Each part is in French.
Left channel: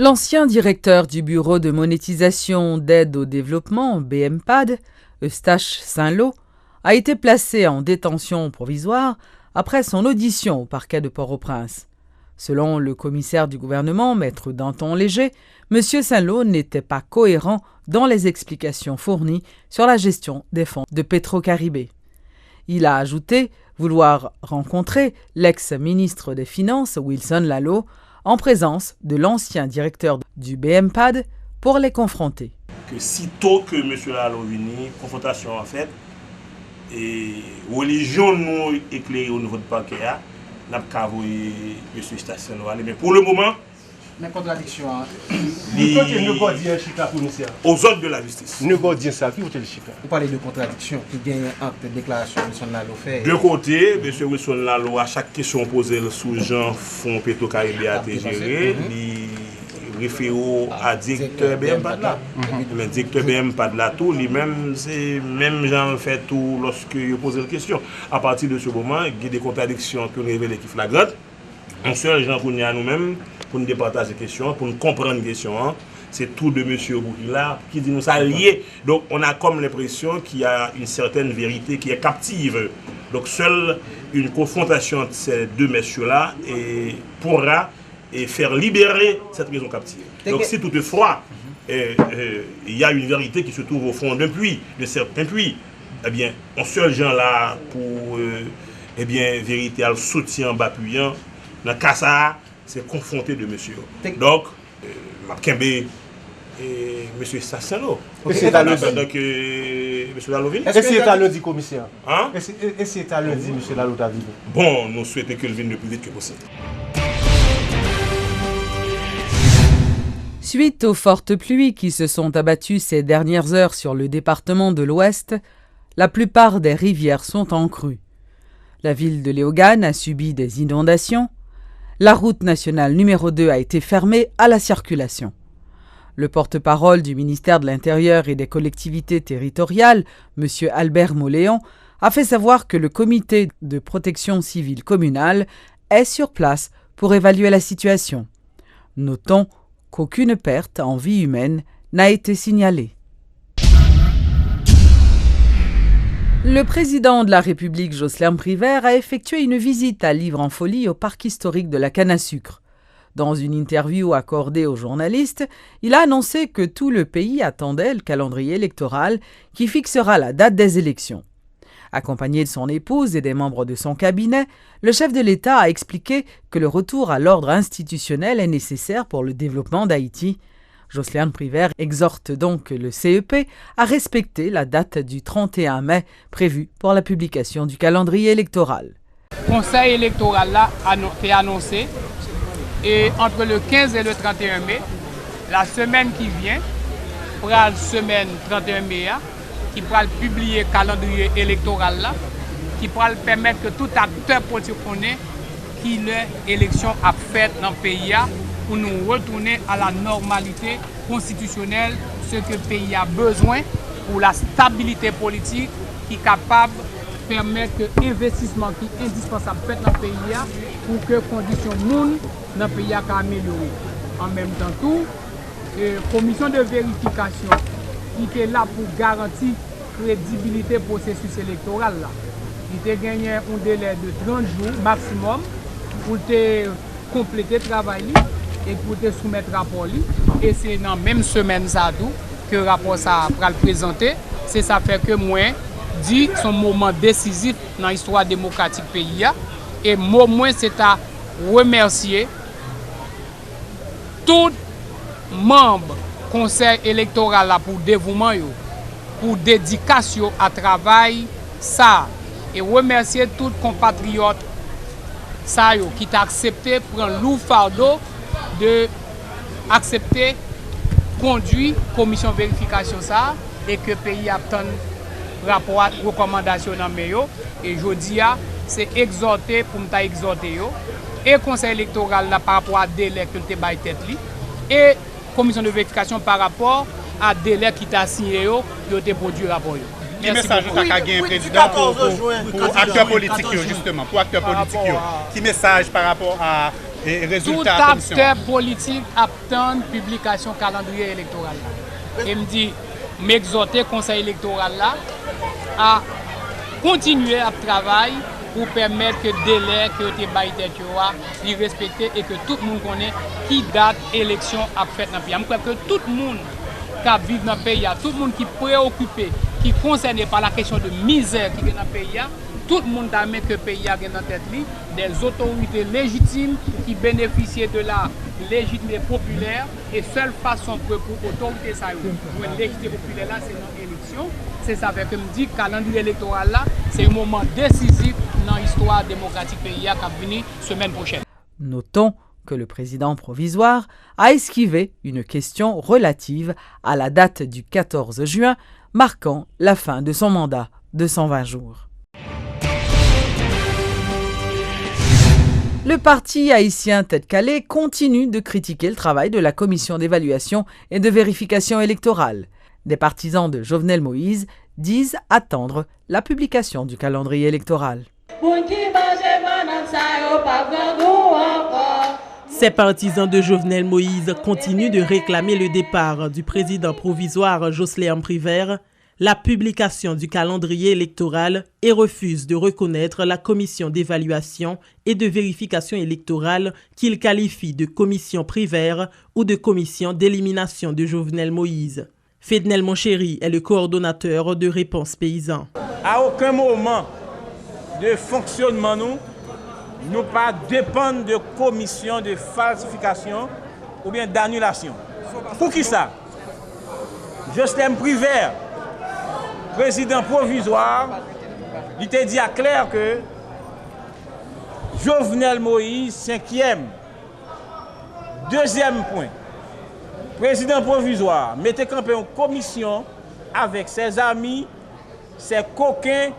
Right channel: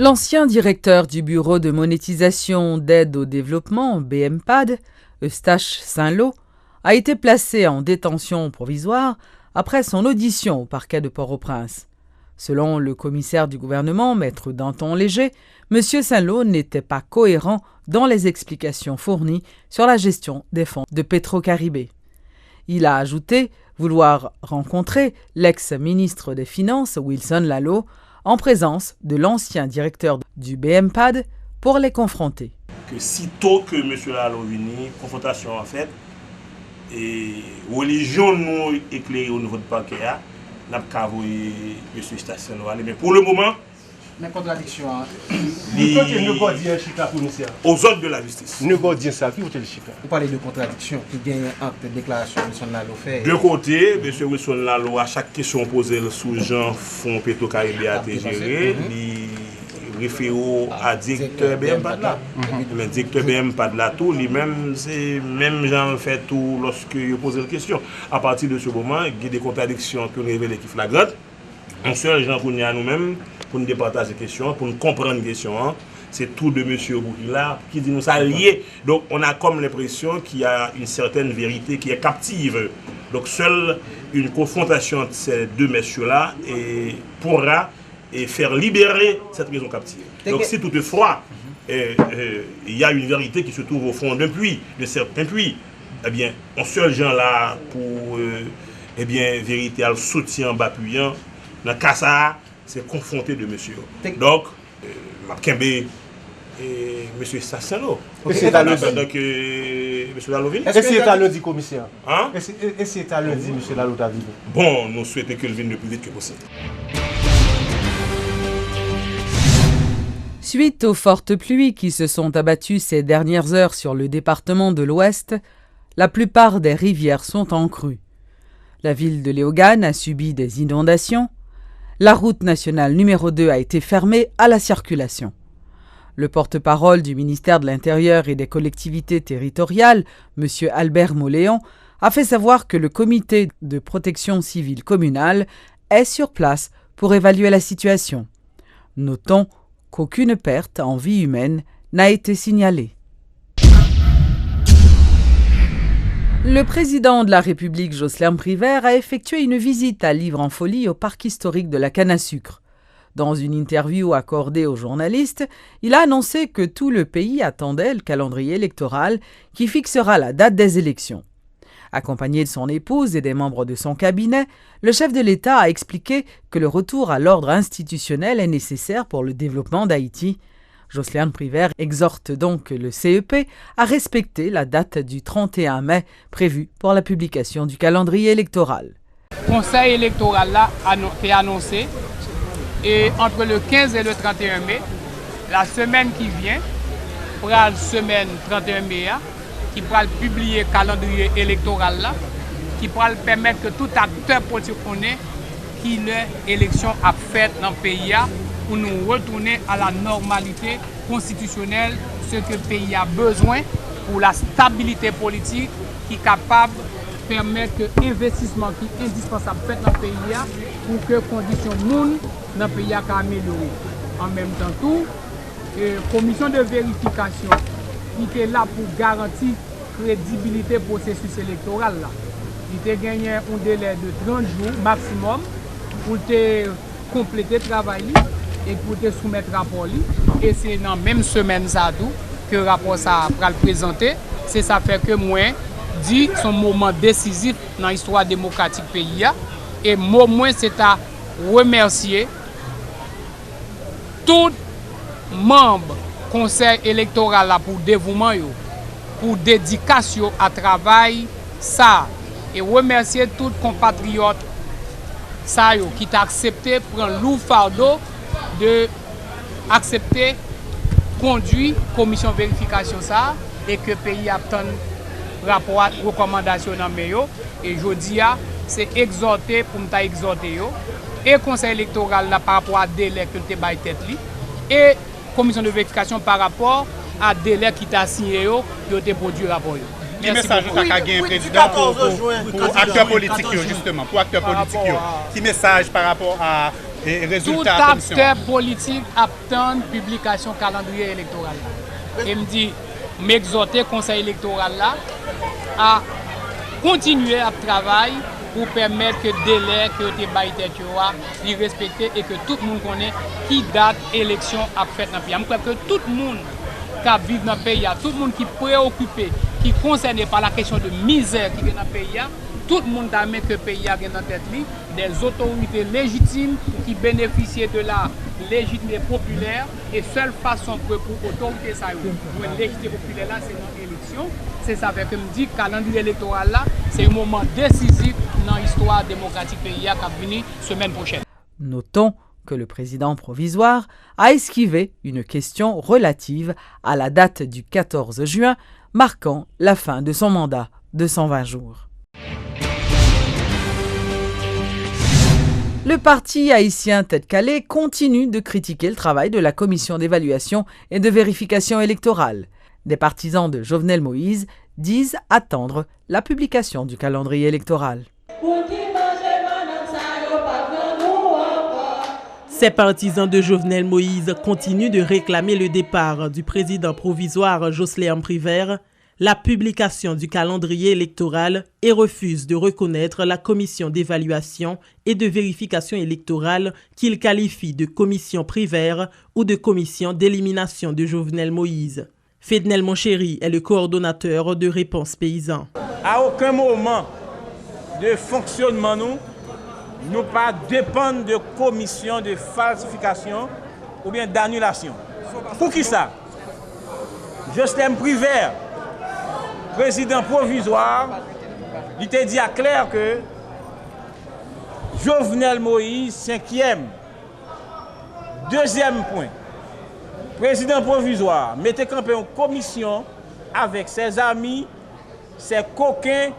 L'ancien directeur du Bureau de monétisation d'aide au développement, BMPAD, Eustache Saint-Lô, a été placé en détention provisoire après son audition au parquet de Port-au-Prince. Selon le commissaire du gouvernement, Maître Danton Léger, M. Saint-Lô n'était pas cohérent dans les explications fournies sur la gestion des fonds de Petro-Caribé. Il a ajouté vouloir rencontrer l'ex-ministre des Finances, Wilson Lalot, en présence de l'ancien directeur du BMPAD pour les confronter. Que sitôt que M. Lalot venu, confrontation en fait, et religion nous éclairée au niveau de parquet, nous avons cavoyé M. Station. Mais pour le moment, mais contradiction. Aux ordres de la justice. Vous parlez de contradiction qui gagne entre déclaration de Wilson Lalot fait. De côté, M. Wilson Lalot, à chaque question posée sous Jean Fonds Petro-Caribé a été géré, il réfère à directeur BMPAD là. Mais directeur BMPAD là, tout, lui-même, c'est même Jean fait tout lorsque il pose la question. À partir de ce moment, il y a des contradictions qui nous révèlent qui flagrantes. On seul Jean pour nous-mêmes, pour nous départager les questions, pour nous comprendre les questions. C'est tout de M. Boukila qui dit nous ça lié. Donc on a comme l'impression qu'il y a une certaine vérité qui est captive. Donc seule une confrontation de ces deux messieurs-là pourra faire libérer cette raison captive. Donc si toutefois il y a une vérité qui se trouve au fond d'un puits, de certains puits, eh bien on seul gens là pour vérité à le soutien bapuyant. Dans le cas ça, c'est confronté de monsieur. Donc, Mapkembe et M. Sassano. C'est à lundi. Donc, M. Lalot vient. Est-ce que c'est à lundi, commissaire? Hein? Est-ce que c'est à lundi, M. Lalot a vu? Bon, nous souhaitons qu'il vienne le plus vite que possible. Suite aux fortes pluies qui se sont abattues ces dernières heures sur le département de l'Ouest, la plupart des rivières sont en crue. La ville de Léogâne a subi des inondations. La route nationale numéro 2 a été fermée à la circulation. Le porte-parole du ministère de l'Intérieur et des collectivités territoriales, M. Albert Moléon, a fait savoir que le comité de protection civile communale est sur place pour évaluer la situation. Notons qu'aucune perte en vie humaine n'a été signalée. Le président de la République, Jocelyn Privert, a effectué une visite à Livre-en-Folie au parc historique de la canne à sucre. Dans une interview accordée aux journalistes, il a annoncé que tout le pays attendait le calendrier électoral qui fixera la date des élections. Accompagné de son épouse et des membres de son cabinet, le chef de l'État a expliqué que le retour à l'ordre institutionnel est nécessaire pour le développement d'Haïti. Jocelyn Privert exhorte donc le CEP à respecter la date du 31 mai prévue pour la publication du calendrier électoral. Le conseil électoral là a été annoncé et entre le 15 et le 31 mai, la semaine qui vient, pour la semaine 31 mai, qui pourra publier le calendrier électoral là, qui pourra permettre que tout acteur politique connaît qui l'élection a faite dans le pays pour nous retourner à la normalité constitutionnelle, ce que le pays a besoin pour la stabilité politique qui est capable de permettre que l'investissement qui est indispensable fait dans le pays pour que les conditions monde dans le pays soient améliorées. En même temps, tout, commission de vérification qui est là pour garantir la crédibilité du processus électoral. Il a gagné un délai de 30 jours maximum pour compléter le travail et pour te soumettre le rapport. Et c'est dans la même semaine que le rapport sera présenté. C'est ça fait que moi, dit son moment décisif dans l'histoire démocratique du pays. Et moi, c'est à remercier tout membre du conseil électoral pour le dévouement, pour la dédication à travail. Ça. Et remercier tous les compatriotes qui ont accepté de prendre le lourd fardeau de accepter conduire commission de vérification ça et que le pays a un rapport de recommandation dans le meilleur. Et je dis, c'est exhorter pour nous exhorter. Et le conseil électoral là, par rapport à délai que le bail tête et commission de vérification par rapport à délai qui t'a signé de produire le rapport. Quel message vous avez gagné, président, pour acteurs politiques, justement, pour acteurs politiques? Quel message par rapport à Et tout résultat de la commission. acteur politique attend publication calendrier électoral là. Et me dit, m'exhorter conseil électoral là à continuer à travailler pour permettre que délai que te bail tête y respecter et que tout le monde connaît qui date élection a fait dans le pays. Je crois que tout le monde qui vit dans le pays, tout le monde qui est préoccupé, qui est concerné par la question de misère qui est dans le pays, tout le monde a mis que le pays a dans tête des autorités légitimes qui bénéficient de la légitimité populaire et seule façon pour autorité ça pour une légitimité populaire là c'est dans l'élection. C'est ça que me dit calendrier électoral là, c'est un moment décisif dans l'histoire démocratique pays qui va venir semaine prochaine. Notons que le président provisoire a esquivé une question relative à la date du 14 juin, marquant la fin de son mandat de 120 jours. Le parti haïtien Tête Calée continue de critiquer le travail de la commission d'évaluation et de vérification électorale. Des partisans de Jovenel Moïse disent attendre la publication du calendrier électoral. Ces partisans de Jovenel Moïse continuent de réclamer le départ du président provisoire Josléam Privert, la publication du calendrier électoral et refusent de reconnaître la commission d'évaluation et de vérification électorale qu'ils qualifient de commission Privert ou de commission d'élimination de Jovenel Moïse. Fednel Monchéri est le coordonnateur de Réponse Paysan. À aucun moment de fonctionnement, nous pas dépendons de commission de falsification ou bien d'annulation. Pour qui ça? Josléam Privert, président provisoire, il était dit à clair que Jovenel Moïse, 5e. Deuxième point, président provisoire, mettez campé en commission avec ses amis, ses coquins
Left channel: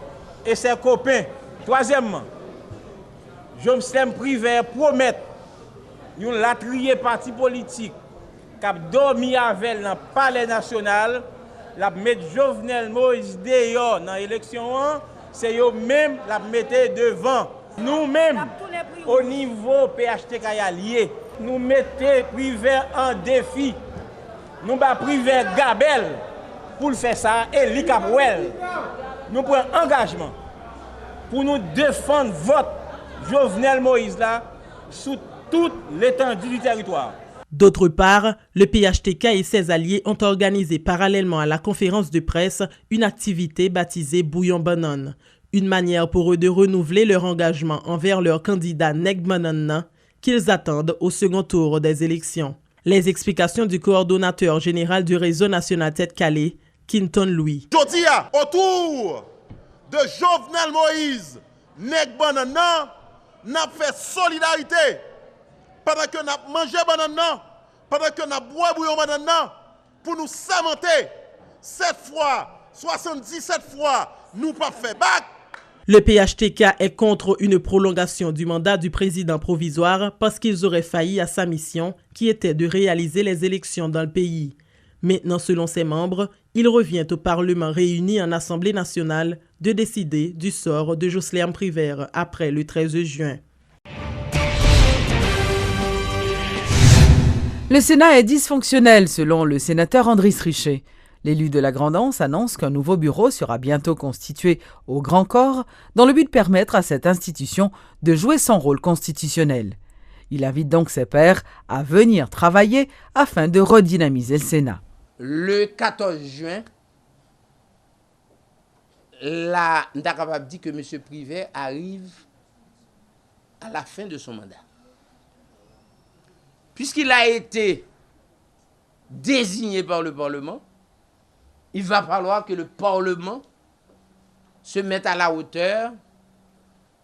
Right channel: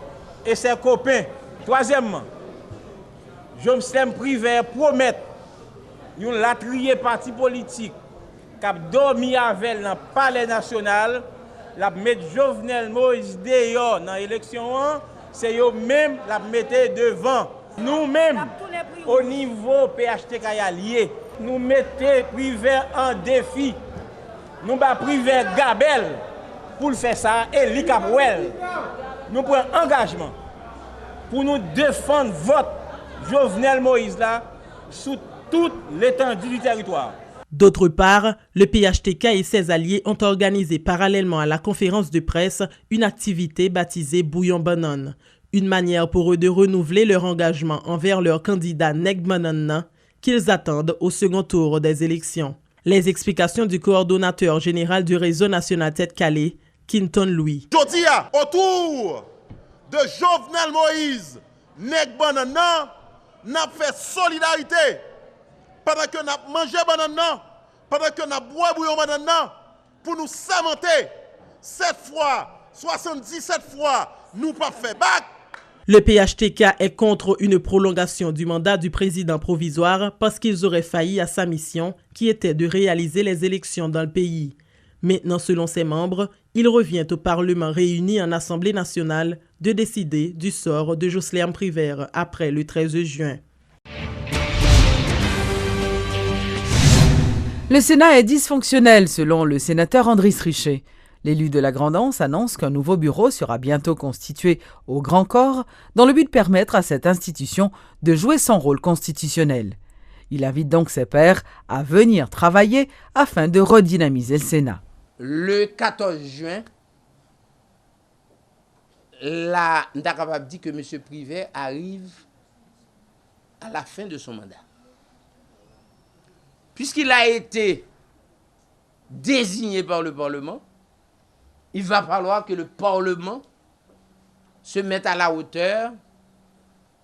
et ses copains. Troisièmement, Jovenel Privert promet nous la trier parti politique qui a dormi avec dans le palais national, la mettre Jovenel Moïse dehors dans l'élection, c'est eux-mêmes la mettre devant. Nous-mêmes, au niveau PHTK allié, nous mettons Privert en défi. Nous avons Privert Gabel pour faire ça et l'Icapouel. Nous prenons engagement pour nous défendre votre Jovenel Moïse là sous toute l'étendue du territoire. D'autre part, le PHTK et ses alliés ont organisé parallèlement à la conférence de presse une activité baptisée Bouillon Banane, une manière pour eux de renouveler leur engagement envers leur candidat Neg Banane qu'ils attendent au second tour des élections. Les explications du coordonnateur général du réseau national Tête Calée, Quinton Louis. Aujourd'hui, autour de Jovenel Moïse, Neg Banane, n'a fait solidarité. Pendant que nous avons mangé banane, pendant que nous avons boit bouillon banane, pour nous samenter, 7 fois, 77 fois, nous pas fait bac. Le PHTK est contre une prolongation du mandat du président provisoire parce qu'ils auraient failli à sa mission qui était de réaliser les élections dans le pays. Maintenant, selon ses membres, il revient au Parlement réuni en Assemblée nationale de décider du sort de Josléam Privert après le 13 juin. Le Sénat est dysfonctionnel, selon le sénateur Andriss Richer. L'élu de la Grand'Anse annonce qu'un nouveau bureau sera bientôt constitué au Grand Corps dans le but de permettre à cette institution de jouer son rôle constitutionnel. Il invite donc ses pairs à venir travailler afin de redynamiser le Sénat. Le 14 juin, là, on est capable de dire que M. Privert arrive à la fin de son mandat. Puisqu'il a été désigné par le Parlement, il va falloir que le Parlement se mette à la hauteur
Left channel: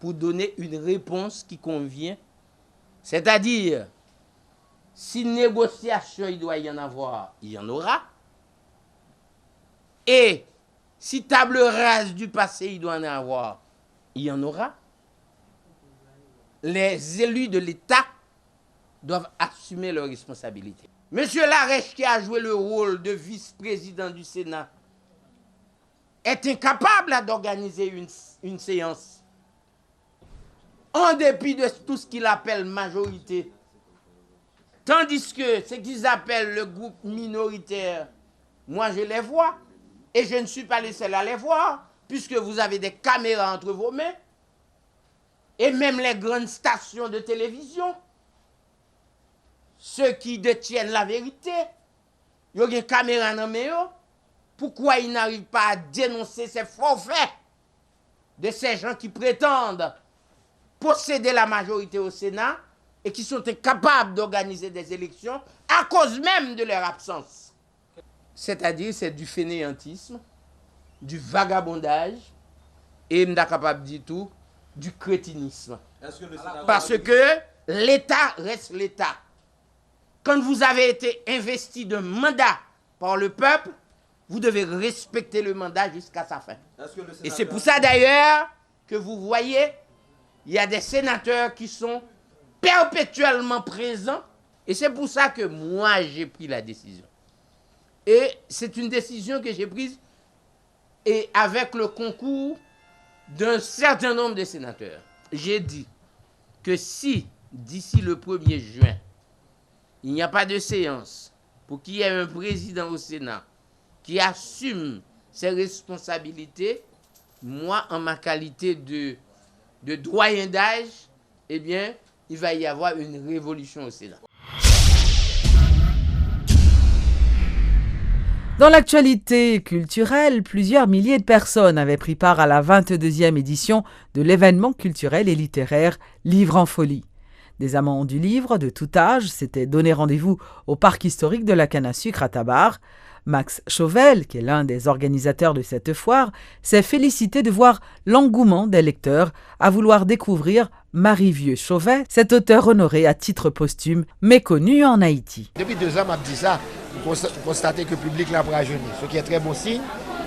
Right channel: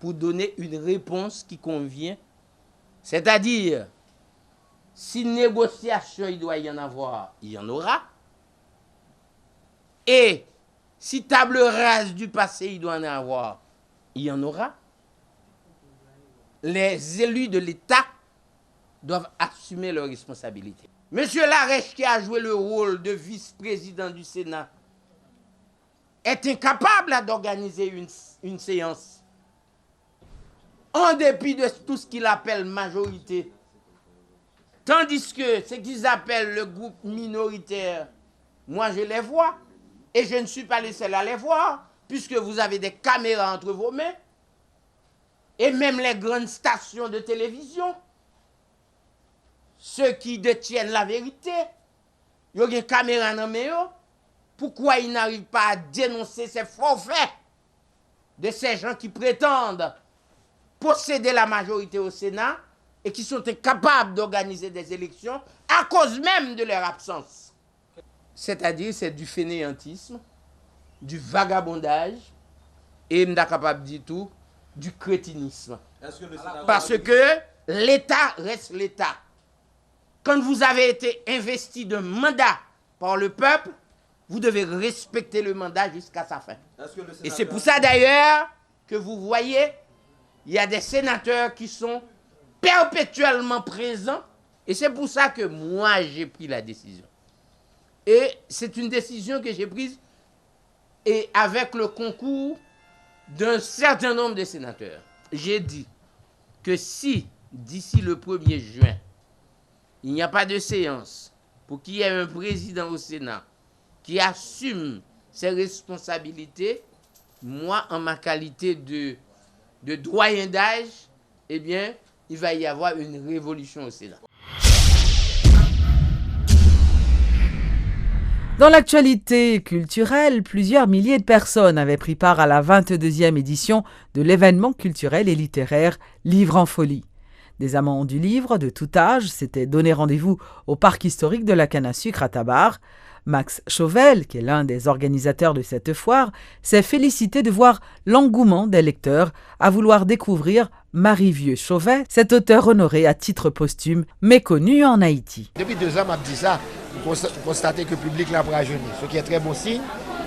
pour donner une réponse qui convient. C'est-à-dire, si négociation il doit y en avoir, il y en aura. Et si table rase du passé il doit en avoir, il y en aura. Les élus de l'État doivent assumer leurs responsabilités. Monsieur Larèche, qui a joué le rôle de vice-président du Sénat, est incapable d'organiser une séance en dépit de tout ce qu'il appelle majorité. Tandis que ce qu'ils appellent le groupe minoritaire, moi je les vois, et je ne suis pas le seul à les voir, puisque vous avez des caméras entre vos mains, et même les grandes stations de télévision, ceux qui détiennent la vérité, ils ont des caméras dans les mains. Pourquoi ils n'arrivent pas à dénoncer ces forfaits de ces gens qui prétendent posséder la majorité au Sénat et qui sont incapables d'organiser des élections à cause même de leur absence? C'est-à-dire, c'est du fainéantisme, du vagabondage et, je ne suis capable de dire tout, du crétinisme. Parce que l'État reste l'État. Quand vous avez été investi d'un mandat par le peuple, vous devez respecter le mandat jusqu'à sa fin. Et c'est pour ça d'ailleurs que vous voyez, il y a des sénateurs qui sont perpétuellement présents. Et c'est pour ça que moi, j'ai pris la décision. Et c'est une décision que j'ai prise et avec le concours d'un certain nombre de sénateurs. J'ai dit que si, d'ici le 1er juin, il n'y a pas de séance pour qu'il y ait un président au Sénat qui assume ses responsabilités, moi, en ma qualité de doyen d'âge, eh bien, il va y avoir une révolution au Sénat. Dans l'actualité culturelle, plusieurs milliers de personnes avaient pris part à la 22e édition de l'événement culturel et littéraire Livre en folie. Des amants du livre de tout âge s'étaient donné rendez-vous au parc historique de la Canne-à-Sucre à Tabar. Max Chauvel, qui est l'un des organisateurs de cette foire, s'est félicité de voir l'engouement des lecteurs à vouloir découvrir Marie-Vieux Chauvet, cet auteur honoré à titre posthume, méconnu en Haïti. Depuis 2 ans, m'a dit ça, vous constatez que le public l'a rajeuni, ce qui est très bon signe.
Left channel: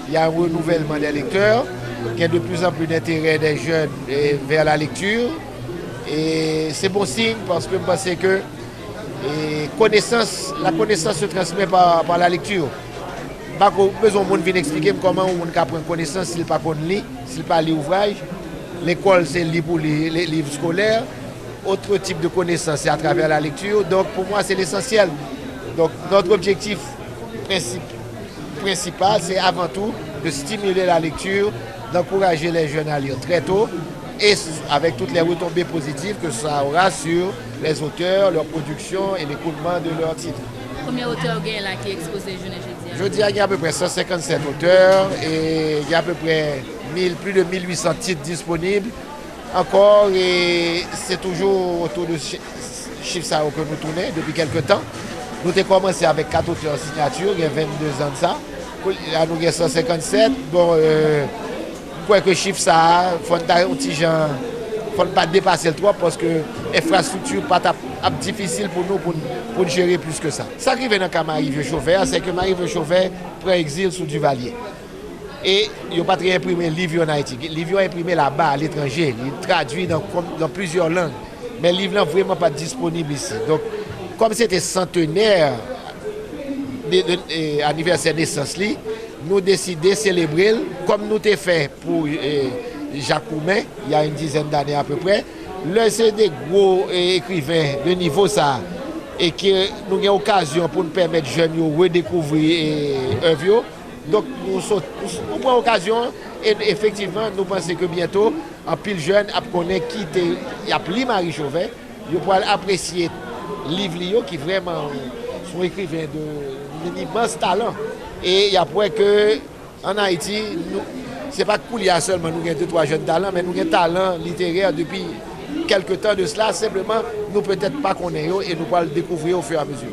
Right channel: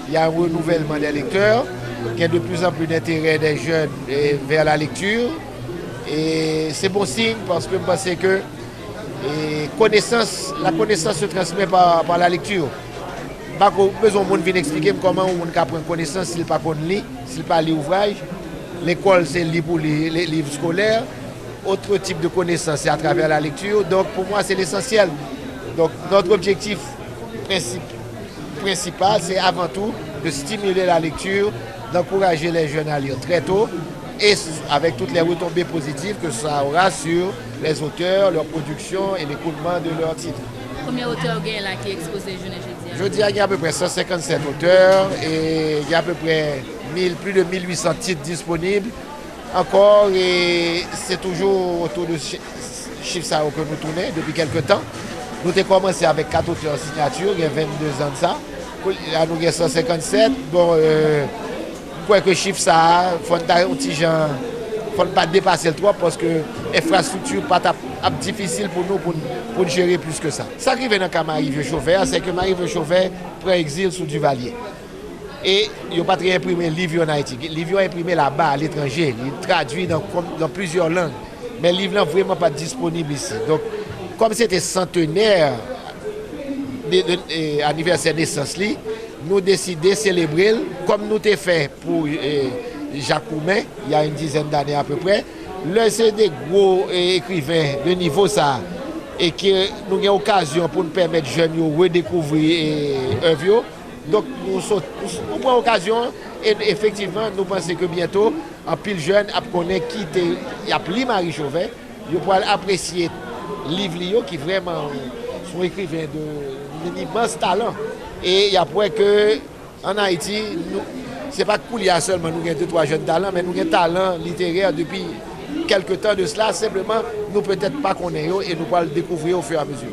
Il y a un renouvellement des lecteurs, il y a de plus en plus d'intérêt des jeunes vers la lecture. Et c'est bon signe parce que je pense que la connaissance se transmet par la lecture. Pas besoin de venir expliquer comment on peut prendre connaissance s'il ne peut pas lire, s'il ne peut pas lire ouvrage. L'école, c'est lire pour les livres scolaires. Autre type de connaissance, c'est à travers la lecture. Donc pour moi, c'est l'essentiel. Donc notre objectif principal, c'est avant tout de stimuler la lecture, d'encourager les jeunes à lire très tôt, et avec toutes les retombées positives que ça aura sur les auteurs, leur production et l'écoulement de leurs titres. Combien d'auteurs il y a là qui exposent jeudi? Je dis qu'il y a à peu près 157 auteurs et il y a à peu près plus de 1800 titres disponibles. Encore, et c'est toujours autour de chiffre ça que nous tournons depuis quelques temps. Nous avons commencé avec 4 auteurs en signature, il y a 22 ans de ça. Là, nous avons 157. Bon, pour que chiffre ça, il faut ne pas dépasser le 3 parce que l'infrastructure n'est pas difficile pour nous pour gérer plus que ça. Ça qui vient dans le cas Marie-Vieux Chauvet, c'est que Marie-Vieux Chauvet prend exil sous Duvalier. Et il n'a pas très imprimé le livre en Haïti. Le livre est imprimé là-bas, à l'étranger. Il est traduit dans plusieurs langues. Mais le livre n'est vraiment pas disponible ici. Donc, comme c'était centenaire anniversaire de naissance, nous décidons de célébrer comme nous avons fait pour Jacques Roumain, il y a une dizaine d'années à peu près. Là, c'est des gros écrivains de niveau ça. Et que nous avons l'occasion pour nous permettre aux jeunes de redécouvrir œuvres. Donc, nous prenons l'occasion et effectivement, nous pensons que bientôt, en pile jeune, connaît qui a pris Marie Chauvet, ils pourront apprécier le livre qui vraiment sont écrivains d'un immense talent. Et il y a point que en Haïti, ce n'est pas Koulia seulement, nous avons 2-3 jeunes talents, mais nous avons un talent littéraire depuis quelques temps de cela. Simplement, nous peut-être pas connaissons et nous pourrons le découvrir au fur et à mesure.